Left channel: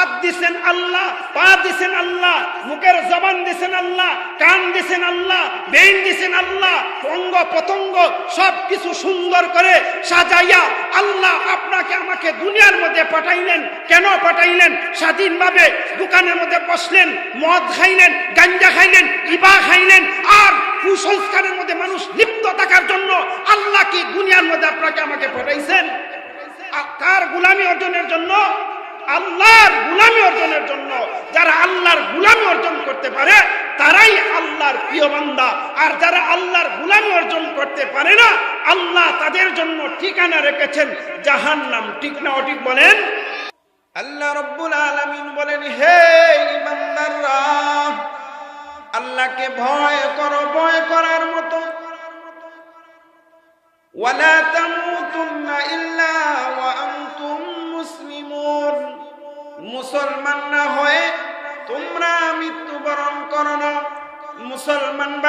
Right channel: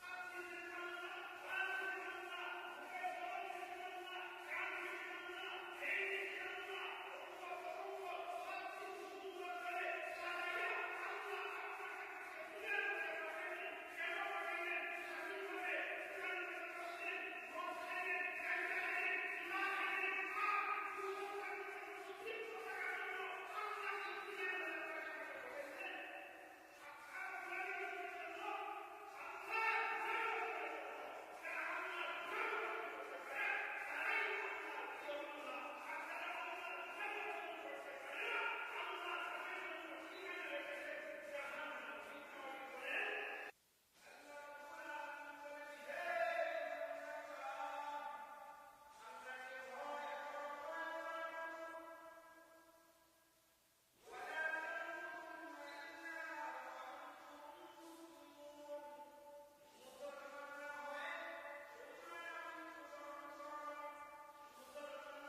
হাত দিছেন আল্লাহ, পা দিছেন আল্লাহ, মুখের জবান দিছেন আল্লাহ, কান দিছেন আল্লাহ, বেইন দিছেন আল্লাহ, অঙ্গ প্রত্যঙ্গ সবকিছু সুন্দর করে সাজাইয়া আল্লাহ আপনাকে আমাকে দুনিয়ার মধ্যে পাঠাইলেন। কেন পাঠাইলেন? স্বাধীনভাবে দোকানের মধ্যে বসলেন, মদ খাইলেন, গাঞ্জা খাইলেন, ইবা খাইলেন, আর কুসংস্কারের মধ্যে মানুষ লিপ্ত থাকার জন্য আল্লাহ কি দুনিয়ার মধ্যে আপনাকে আমাকে পাঠাইছেন? কার গোলামি অর্জনের জন্য? আল্লাহর গোলামি অর্জনের জন্য। যারা আল্লাহর গোলামি অর্জন করতে পারে তারাই আল্লাহর প্রিয় বান্দা, আর যারা আল্লাহর গোলামি অর্জন করতে পারে না আল্লাহ তাদের জন্য ঠিকানা রেখেছেন জাহান্নাম। ঠিক না অঠিক বলেন? আল্লাহ রাব্বুল আলামিন বলেন, হে ইমানদাররা, আল্লাহকে ভয় করো, ভয় করার মতো। ওয়ালা তামুতুন্না ইল্লা ওয়া আনতুম মুসলিমুন, মুসলমান না হয়ে তোমরা মৃত্যুবরণ করো না। মুসলমান